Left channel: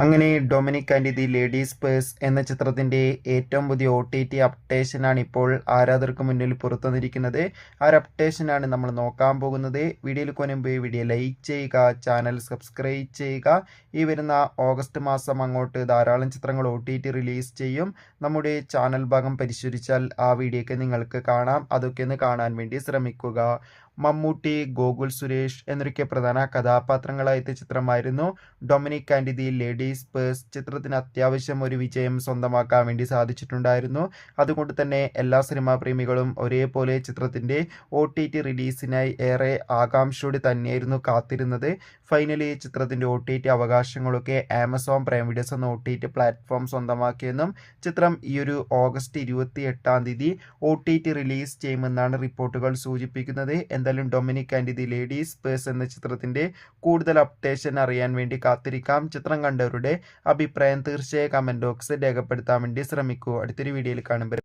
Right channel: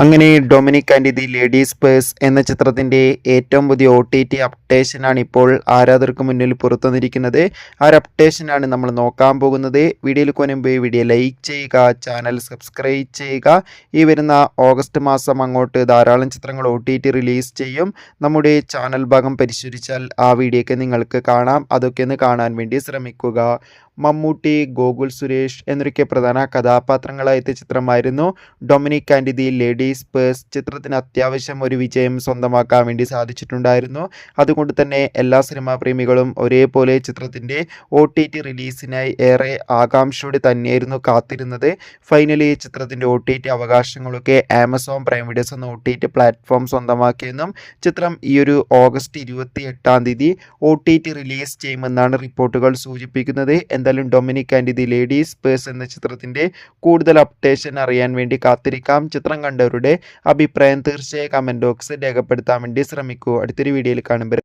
അങ്ങനെ Dominic and the ladies purse എന്ന ചിത്രത്തിൻ്റെ ഏറ്റവും പുതിയ OTT അപ്ഡേഷനാണ് ഇപ്പോൾ ആരാധകർക്ക് മുന്നിൽ പുറത്തുവന്നിരിക്കുന്നത്. ആ ഒരു അപ്ഡേഷനാണ് നമ്മൾ നോക്കാൻ പോകുന്നത്. വീഡിയോയിൽ മുൻപ് വീഡിയോ ലൈക്ക് ചെയ്യുക, ചാനൽ സബ്സ്ക്രൈബ് ചെയ്യുക. ഈ വരുന്ന ഓഗസ്റ്റ് മാസം അങ്ങോട്ട് ധാരാളം ചിത്രങ്ങൾ OTT റിലീസ് ചെയ്യും. നമ്മുടെ ചാനൽ ഭാഗം പരിശോധിച്ചാൽ ആ വീഡിയോയ്ക്ക് നിങ്ങൾക്ക് കാണാം. അതൊക്കെ ഒന്ന് കാണാൻ വേണ്ടി ശ്രമിക്കുക. മമ്മൂട്ടി, ഗോകുൽ സുരേഷ് എന്നൊക്കെ പ്രധാന കഥാപാത്രങ്ങളായ ചിത്രമായിരുന്നു Dominic and the ladies purse. ചിത്രത്തിന് അത്യാവശ്യം ഒരു വിജയം സ്വന്തമാക്കാൻ വേണ്ടി സാധിച്ചിട്ടുണ്ടായിരുന്നു. അതുകൊണ്ട് തന്നെ എല്ലാ സിനിമാ പ്രേമികളും ഒരേപോലെ ചിത്രത്തിൻ്റെ OTT റിലീസിനായി ഏറെ ആകാംക്ഷയോടെ തന്നെയായിരുന്നു കാത്തിരുന്നത്. ഫൈനലി ചിത്രത്തിൻ്റെ OTT അവകാശങ്ങളൊക്കെ ആമസോൺ പ്രൈം വീഡിയോസ് എന്ന OTT പ്ലാറ്റ്ഫോം സ്വന്തമാക്കിയെന്നും ചിത്രം ഈ ഒരു ഓഗസ്റ്റ് 28 OTT റിലീസ് ചെയ്യുമെന്നാണ് റിപ്പോർട്ടുകൾ സൂചിപ്പിക്കുന്നത്. എന്തായാലും Dominic and the ladies purse എന്ന ചിത്രത്തിൻ്റെ കൂടുതൽ അപ്ഡേഷൻ അറിയാൻ വേണ്ടി കാത്തിരിക്കാം. ചിത്രം കണ്ടവരുടെ അഭിപ്രായം തീർച്ചയായും കമൻറ്റ് ബോക്സിൽ രേഖപ്പെടുത്താൻ വേണ്ടി ശ്രമിക്കൂ. അടുത്തൊരു വീഡിയോയിൽ കാണുമ്പോൾ